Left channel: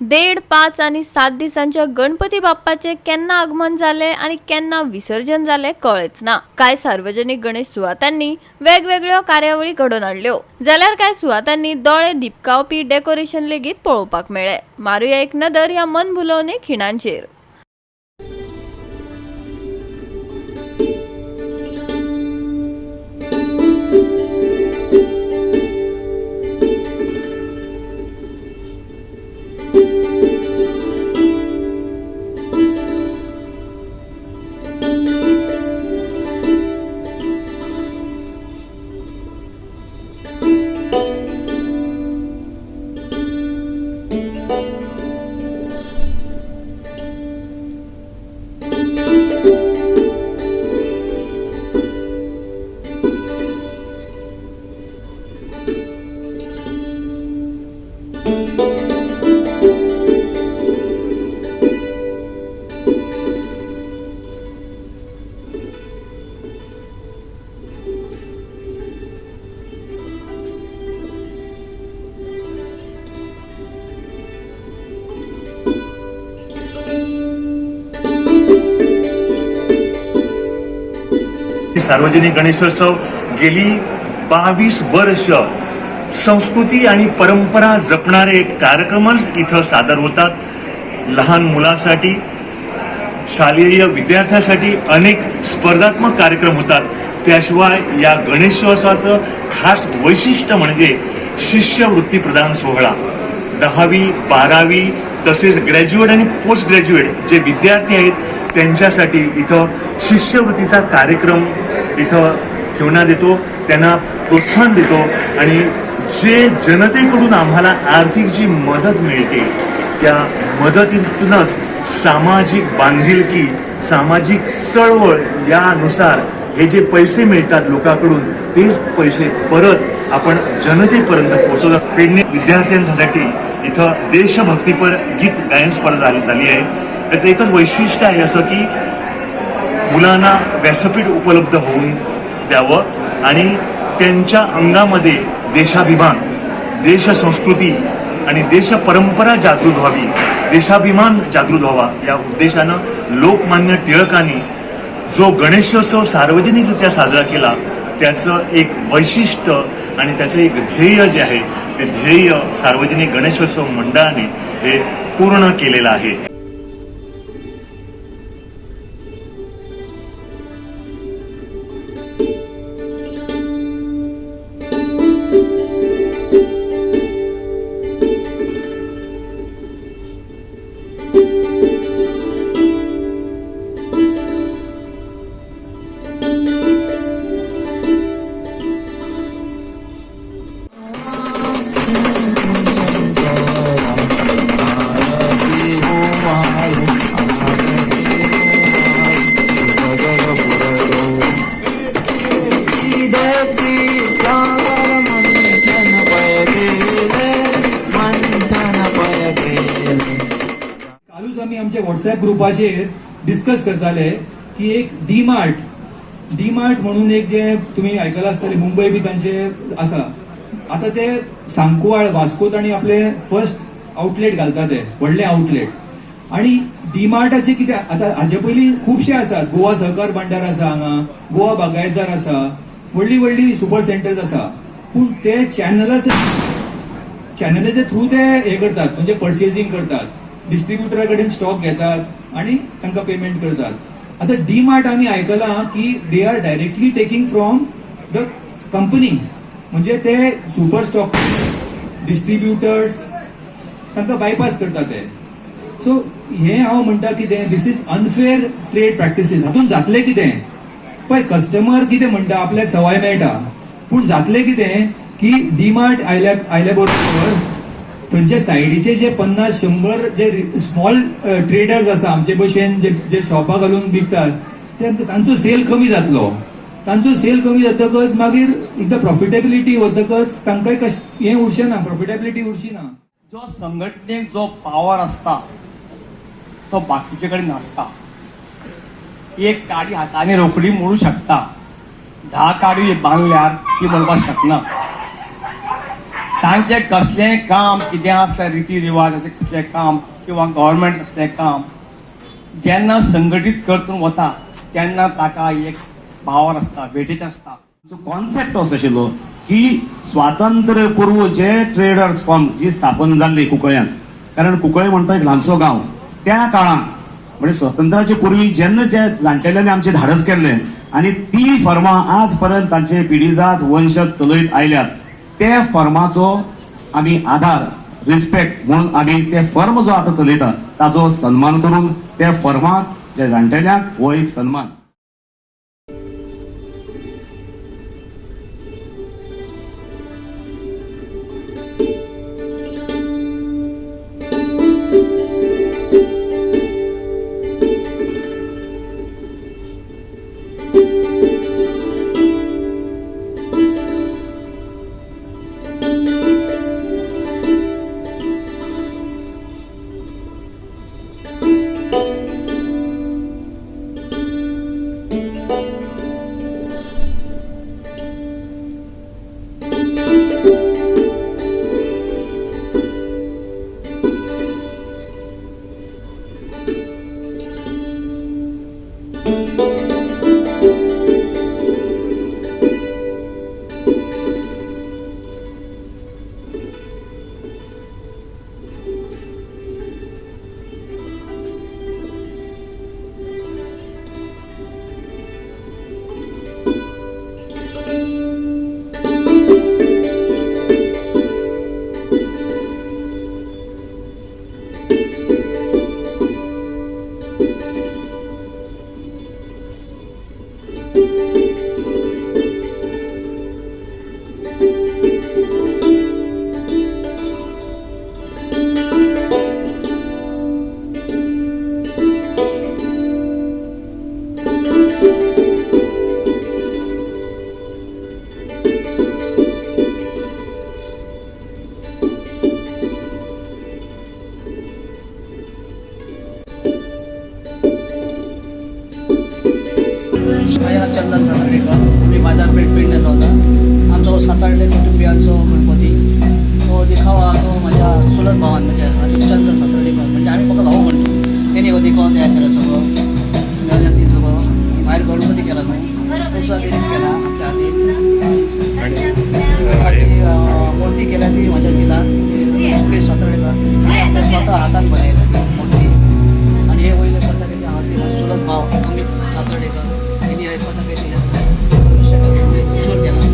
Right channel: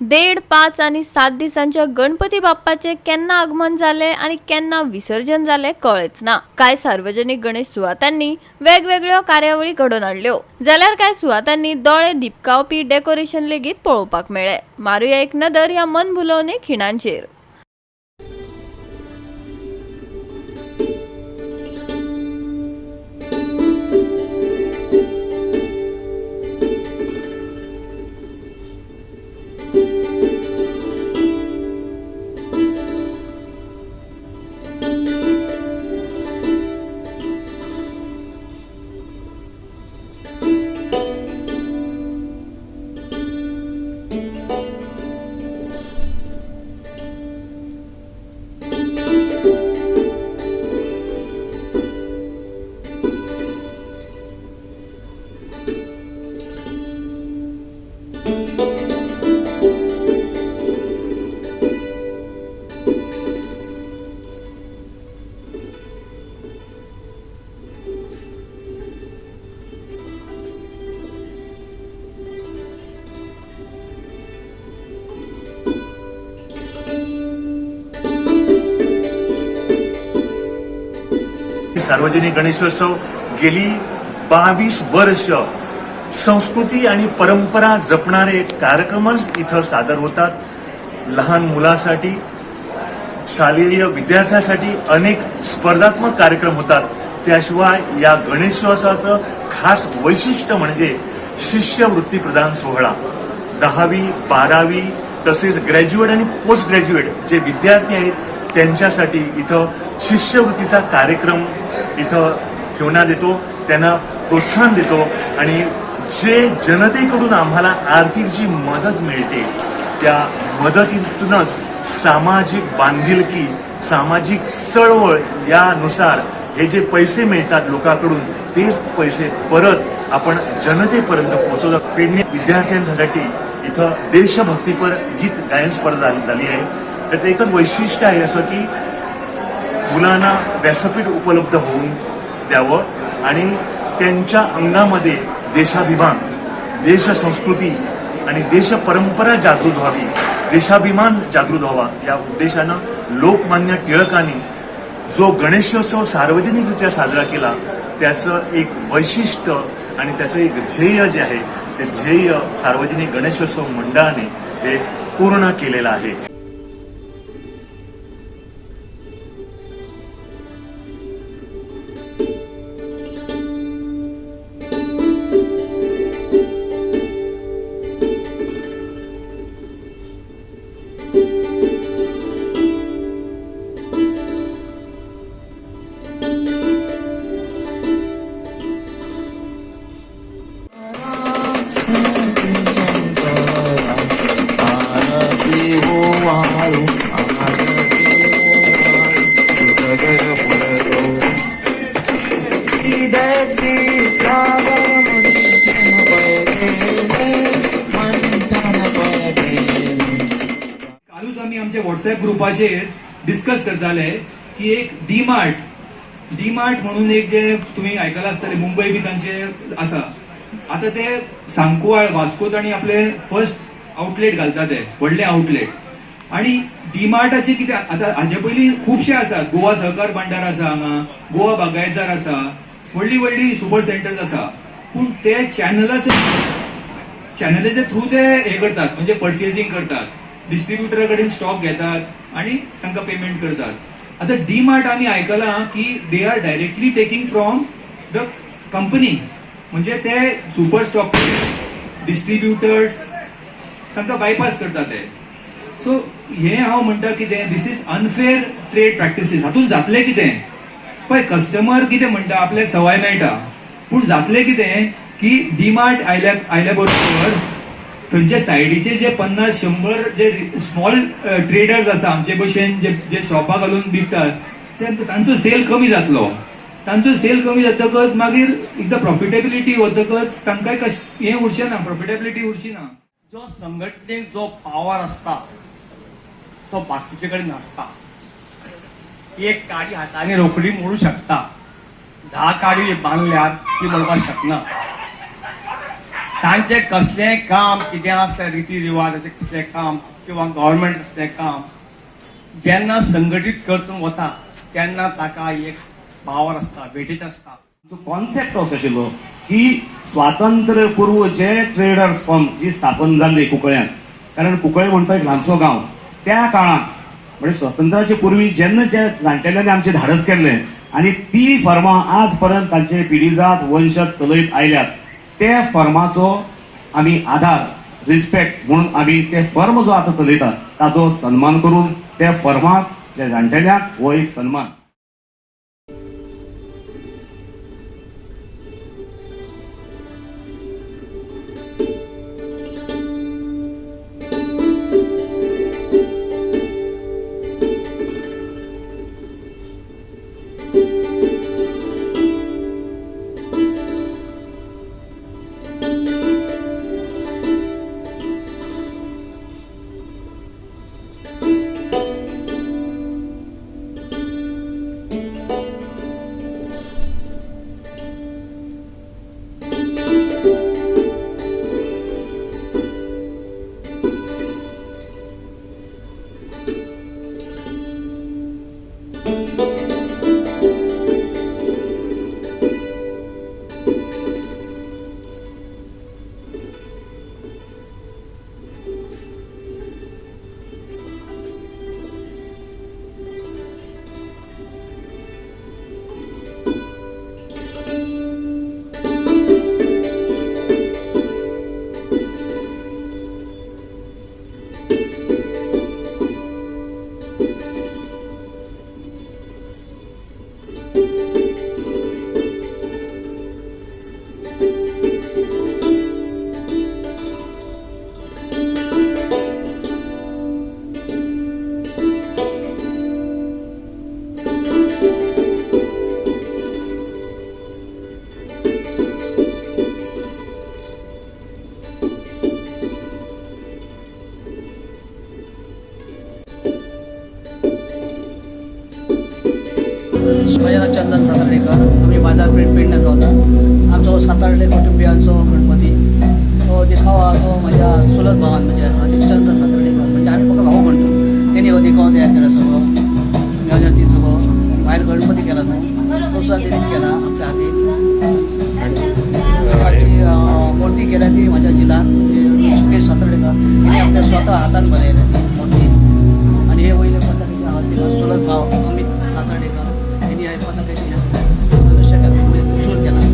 1.5, 5 आणि 7 दिसांच्या गणपती बाप्पाचे केन्ना आगमन झाले आणि केन्ना विसर्जन झाले कळेच ना। काय सार्वजनिक गणेश सुवातांनी वेगवेगळ्यो कार्यावळी घडोवन हाडल्यो जाल्यार काय सुवातांनी दोळे दिपकावपी डेकोरेशन लेगीत पळोवपाक मेळ्ळे। मारूया एक नदर ह्या मन भुलोवणी खिणांचेर। सार्वजनिक गणेशोत्सव गेली 22 वर्ष संस्कृती आणि परंपरा जपणारे कार्यक्रमच इथं सादर होतात। लहान मुलांसाठी, शालेय विद्यार्थ्यांसाठी अनेक स्पर्धात्मक कार्यक्रम होतात। त्याशिवाय या गणेशोत्सवाचं खास वैशिष्ट्य म्हणजे शिष्यवृत्ती प्रदान सोहळा। 10वी 12वी तसेच ग्रॅज्युएट आणि पोस्ट ग्रॅज्युएट जे विद्यार्थी आहेत त्यांच्यासाठी इथं शिष्यवृत्तीचा कार्यक्रम इथं ठेवण्यात येतो, त्यांना प्रोत्साहन देतो आणि जे जनतेकडून आम्हाला आर्थिक जी मदत मिळते त्या मदतीतूनच सामाजिक बांधिलकी, सामाजिक चळवळ यानुसार हे जे पैसे मिळतात लोकांकडून तेच पैसे परत आपण जनतेपर्यंत पोहोचवलं। पेडणे विद्यार्थ्यांसाठी इथं देशभक्तीपर गीत गायन स्पर्धा झाली आहे। त्याचं एकच वैशिष्ट्य आहे असं की मुलांना व्यासपीठ उपलब्ध होऊन द्यावं आणि त्यांच्या अंगामध्ये देशाभिमान, देश संस्कृती आणि देश परंपरा जागृत व्हावी, देशाभिमान जागृत व्हावा या उद्देशानं लोकमान्य टिळकांनी जो गणेशोत्सव सार्वजनिकरित्या साजरा केला त्याचं एक वैशिष्ट्य आणि त्याचं एक ध्येय जे आहे ते ध्येय सार्वजनिक गणेशोत्सव मंडळाने हे पूर्ण केलेलं आहे। आमच्या व्हॉट्सअप ग्रुपाचेर डिस्कस करताले की एक डी मार्ट म्हणून एक जे तुम्ही आयकला आसतले मुंबई बी तांचे आसा। आता ते सांकवाळ वास्कोत आणि आपले फर्स्ट आउटलेट घालतात ते व्हडले आउटलेट। आणि डी मार्टाचे कितें आता हाजे पयलीं खुबशे आसात। गोवा सहकार भांडार आसा, हांगा गोवा बागायतदार आसा, व्हडली व्हडली सुपर सेंटर्स आसा। पूण ते चॅनलाचे थ्रू ते हे करतात, म्हणजे परचेसिंग करतात, डिस्ट्रीब्युटरा कडेन स्टॉक घेतात आणि तांकां पेमेंट करतात। आता डी मार्ट आम्ही आयकला की they are directly taking from the company, म्हणजे ते सुपर स्टॉक डिस्ट्रीब्युटर्स तांकां बायपास करतात ते। सो हे हांव म्हणटा कितें, दिस इज अनफेअर ट्रेड प्रॅक्टिसीस। हातून जातलें कितें पळय, कस्टमर कितें म्हणटा आपल्याक सवाय मेळटा, पूण जातलें कितें की डी मार्ट आयल्या बरोबर थंयचे सायडीचे जे 50-100 जे स्मॉल ट्रेडर्स आसा आमचे भशेन जे शॉपां घालून विकतात तांचो सेल कमी जातलो। तांचो सेल कमी जातकच मागीर एकदां प्रॉफिटेबिलिटी वतकच तांकांय हें उरचें ना, प्रॉफिटेबिलिटी उरची ना। जो संघटनेक जो पावर असता तो बाकीचे कडेन नासता। एक काडी हाताने रोखडी मोडू शकता, 10 काडी बांधल्यार ती मोडपाक शकना। तांचे कसलेंय काम कितें आसता रिती रिवाज अशें कसलें काम किंवा गव्हर्मेंट कसलें काम जेन्ना संघटीत करतून वता तेन्ना ताका एक पावर आसता वेटीत आसता. कॉन्सेप्ट असो आशिल्लो की स्वातंत्र्य पूर्व जे ट्रेडर्स फर्म जी स्थापन जाल्ली कुंकळ्यान, कारण कुंकळे म्हणटा एक ल्हानसो गांव, त्या काळान म्हणजे स्वातंत्र्याचे पूर्वी जेन्ना जे जाणटेल्यांनी आमचे धाडस केल्ले आणि ती फर्मां आज पर्यंत तांचे पिढीजात वंशज चलयत आयल्यात, ते फर्माचो आमी आधार रिस्पेक्ट म्हणून आमी ते फर्म जो आता चलयता ताचो सन्मान करून त्या फर्माक जे जाणटेल्यांक हो एक सन्मान. माझे नाव चंदन सातार्डेकर. आम्ही बाजारपेठ पेडण्यात होता. आमचो सातार्डे कुटुंबियांचो गणपती तो देखावा तो माझ्या चुलत भावान म्हणजे हरिश्चंद्र सातार्डेकर म्हणजे आम्ही फक्त भाऊ म्हणतो. त्यांनी हो देखावा तयार केला सगळं ती सगळं बाहेर गणपती केला तो सुद्धा त्यांनी केला आमच्या हाती मूर्ती केल्या ती माझ्या जिल्ह्यात म्हणजे सुकेश सातार्डेकर यांनी आपल्या स्वतः हातान बनवल्या ती मूर्ती. आणि हे वहिले पताकेच्या हाती माझा चुलत भाव अमित सातार्डेकर यांनी हे पताकेचे दृश्य त्रिशूल केला.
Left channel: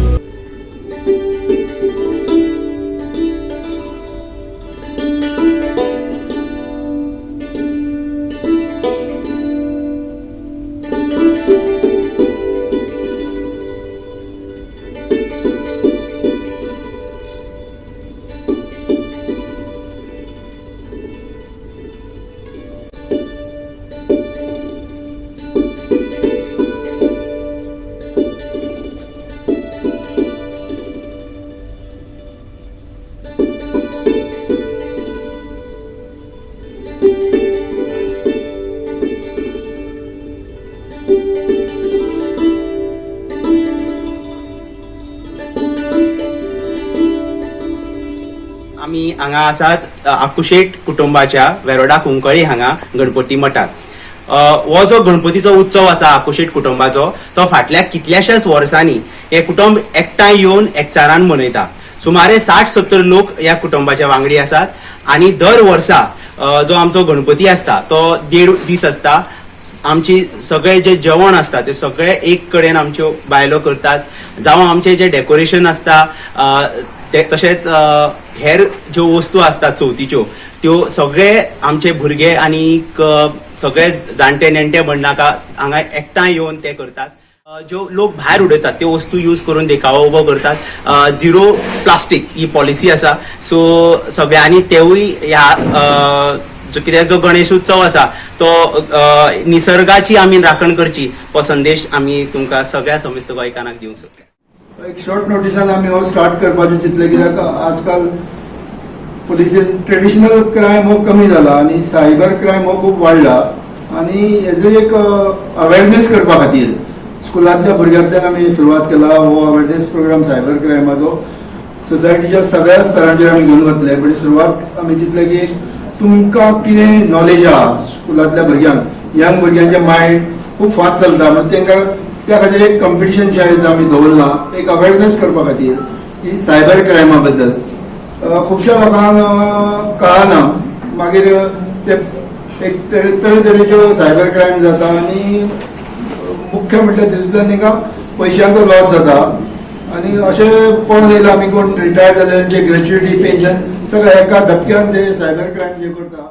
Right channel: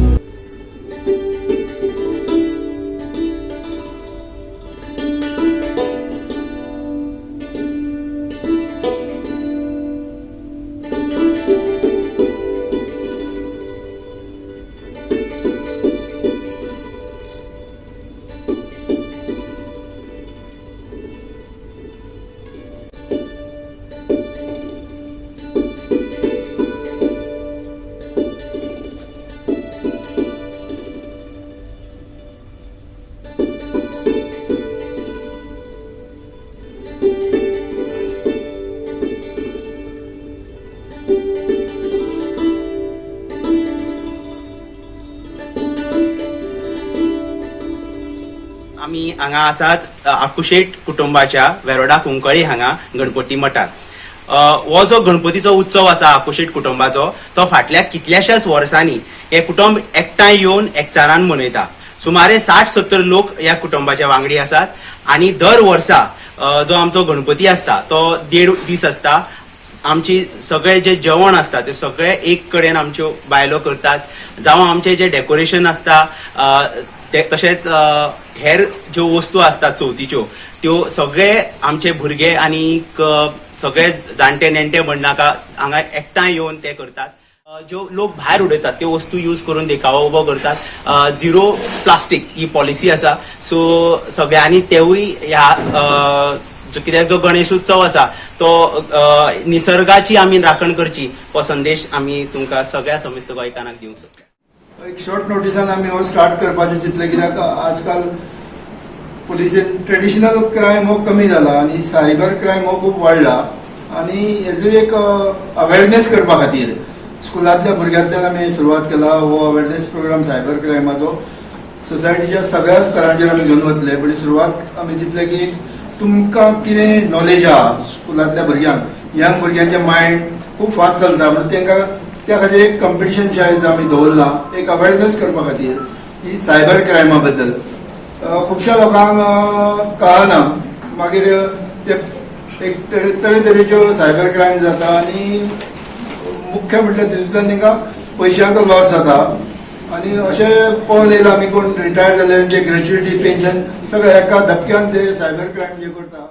आमी हांगा आसात आकुशेट कुटुंबाच्या वेरोडा कुंकळी हांगा गणपती मठात. हो जो गणपतीचो उत्सव आसा आकुशेट कुटुंबाचो तो फाटल्या कितल्याशाच वर्सांनी हे कुटुंब एकठांय येवन एकचारान मनयता. सुमारे 60-70 लोक ह्या कुटुंबाच्या वांगडी आसात आणि दर वर्सा जो आमचो गणपती असता तो 1.5 दीस असता. आमची सगळे जे जेवण असता ते सगळे एक कडेन आमच्यो बायलो करतात. जावं आमचे जे डेकोरेशन असता तशेंच हेर ज्यो वस्तू असतात चवथीच्यो त्यो सगळे आमचे भुरगे आणि सगळे जाणटे नेणटे म्हणनाका हांगा एकठांय येवन ते करतात. ज्यो लोक भायर उडयतात त्यो वस्तू यूज करून देखावो उबो करतात. 0 प्लास्टीक ही पॉलिसी आसा. सो सगळ्यांनी तेवूय ह्या कित्याक जो गणेश उत्सव आसा तो निसर्गाची आमी राखण करची हो संदेश आमी तुमकां सगळ्या समेस्त गोंयकारांक दिवंक सोदता. एक शॉर्ट नोटिसान आमी हो स्टार्ट करपाचें चिंतलें कित्याक आजकाल पुलिसेन ट्रेडिशनल क्रायम हो कमी जाला आणि सायबर क्रायम हो खूब वाडला आणि हेजो एक अवेरनेस करपा खातीर स्कुलांतल्या भुरग्यांतल्यान आमी सुरवात केला हो अवेरनेस प्रोग्राम सायबर क्रायमाचो. सोसायटीच्या सगळ्या स्तरांचेर आमी घेवन वतले. पण सुरवात आमी चिंतले की तुमकां कितें नॉलेज आहा स्कुलांतल्या भुरग्यांक, यंग भुरग्यांचे मायंड खूब फास्ट चलता, म्हणजे तांकां त्या खातीर एक कॉम्पिटिशन आयज आमी दवरला एक अवेरनेस करपा खातीर ही सायबर क्रायमा बद्दल. खुबश्या लोकांक कळना, मागीर ते एक तरेतरेच्यो सायबर क्रायम जाता आनी मुख्य म्हटल्यार तितूंतल्यान तांकां पयशांचो लॉस जाता. आनी अशें पळोवन येयला आमी कोण रिटायर्ड जाले जे ग्रॅच्युइटी पेन्शन सगळें एका धपक्यान ते सायबर क्रायम जे करता.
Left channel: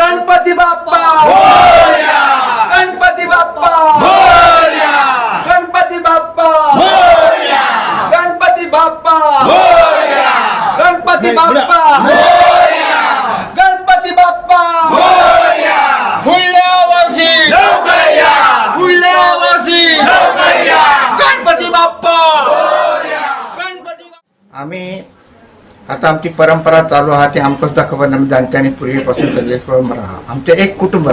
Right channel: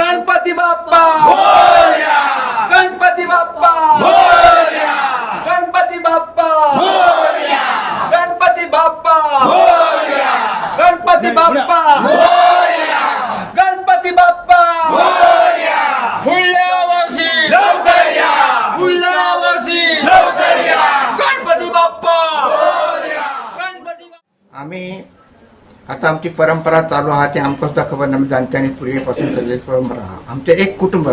गणपती बाप्पा गणपती बाप्पा गणपती बाप्पा गणपती बाप्पा गणपती बाप्पा गणपती बाप्पा पुढल्या वर्षी पुढल्या वर्षी गणपती बाप्पा गणपती. आम्ही आता आमची परंपरा चालू आहा ती आमकां सुद्दां खबर ना, आमी जाणट्यांनी पूर्वीपासून चल्लेली परंपरा आहा. आमचें एक कुटुंब,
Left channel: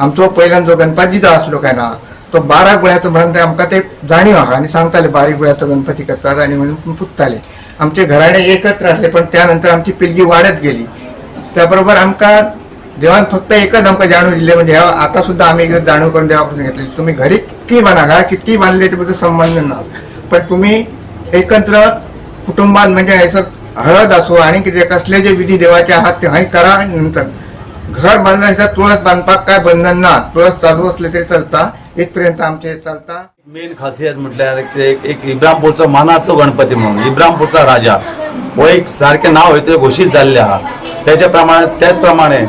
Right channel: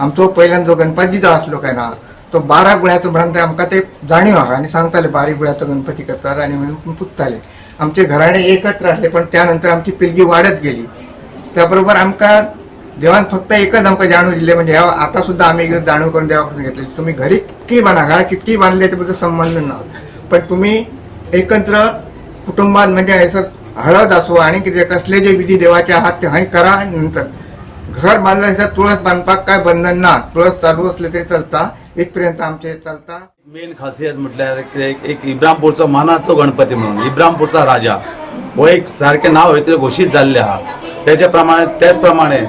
आमचो पयल्यान जो गणपती जो आसलो काय ना तो 12 गुळ्याचो म्हणून आमकां ते जाणीव आहा आनी सांगताले 12 गुळ्याचो गणपती करताले आनी म्हणून पुजताले. आमचे घराणे एकत्र आसले, पण त्यानंतर आमची पिळगी वाडत गेली. त्या बरोबर आमकां देवान फक्त एकच आमकां जाणीव दिले, म्हणजे आता सुद्धा आम्ही जाणीव करून देवापासून घेतली. तुम्ही घरी कितकी बांदा, घरा कितकी बांधले त्याबद्दल संबंध ना, पण तुम्ही एकत्र कुटुंबात म्हणजे हयसर हळद असो आणि कितें कसले जे विधी देवाचे आहात ते हय करा. आणि नंतर घर बांधला हयसर तुळस बांधपाक काय बंधन ना, तुळस चालू असले तरी चलता, इथपर्यंत आमचे चलता. मेन खासियत म्हटल्यार एक इब्राहिमपूरचो मानाचो गणपती म्हणून इब्राहिमपूरचा राजा हो एक सारखे नाव आहे ते घोषित झालेले आहात. त्याच प्रमाणे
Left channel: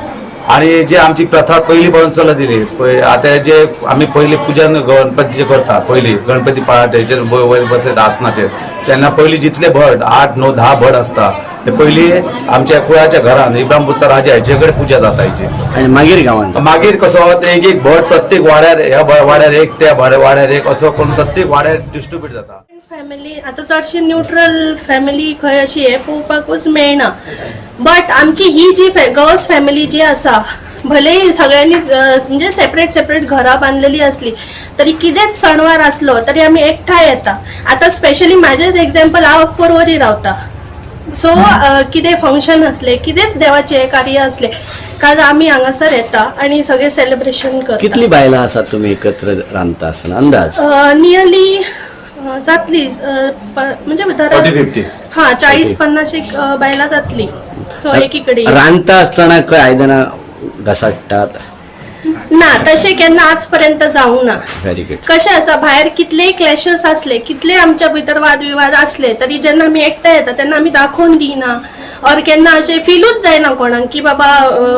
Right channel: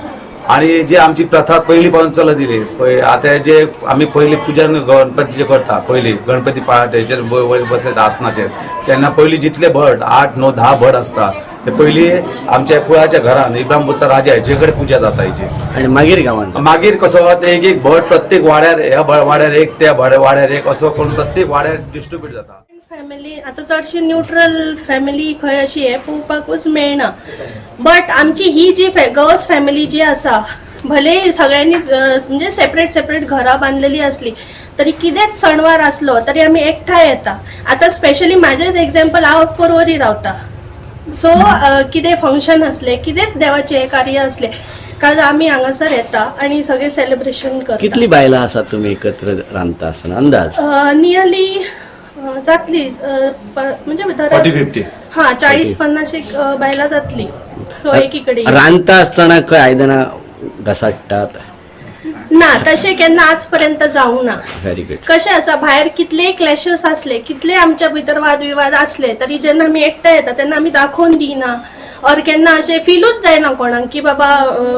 आणि जे आमची प्रथा पहिली पासून चलत दिली. आता जे आम्ही पहिले पूजन गणपतीचे करतात, पहिले गणपती पाळाटे वयर बसत आसनाचेर त्यांना पहिली जितले भट 8, 9, 10 भट असतात ते पहिली आमच्या कुळाच्या घरात इब्राहिमपूरचा राजा हेचेकडे पूजा जाता हेची. आणि मागीर गावांत मागीर कसो एक एक भट प्रत्येक वाड्यार ह्या वाड्यार एक त्या वाड्यार एक असो करून प्रत्येक वाड्यार डिस्ट्रीब्यूट जाता. फॅमिली आता चडशी न्यूट्रल फॅमिली खंय अशी हे पळोवपाकूच मेळना. बट आमची ही जी गर्ल्स फॅमिली जी आसा, भले सगळ्यांनी म्हणजे सेपरेट घरां बांधलेली असली तरी कितेंच सणवार असलो तरी आम्ही एकठांय येता. आता स्पेशली माझेच एक्झाम्पल हांव पर्वरी रावता, सो कितें फंक्शन असले कितेंच देवाचे कार्य असले काल आम्ही हांगासर येता आणि सगळे सेलिब्रेशन करता. कितली बायलां आसात तुमी एकत्र रांदता आसतना अंदाज? नियरली जातली म्हणजे 40-50 एक बायलां जातली. सो एकीकडे रांदता आसतना खंय आयदनां घसाडटात? ना, तशें केन्ना आजपर्यंत जावंक ना. Very good. कशें आसा, भायर कितलेय क्लॅशेस असले, कितले आमच्या भितर वादविवाद असले तरी जेन्ना आमी एकठांय येता तेन्ना आमी दाखोवन दिना और केन्ना अशें फीलूच जायना कोणाक की बाबा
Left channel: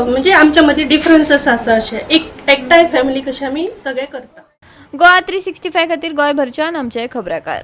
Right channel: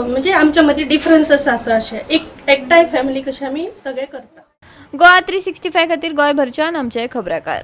म्हणजे आमच्या मदीं डिफरन्सेस आसा. अशें एकठांय फॅमिली कशें आमी सगळे करता. गोवा 365 खातीर गोंयभरच्यान आमचे खबराकार.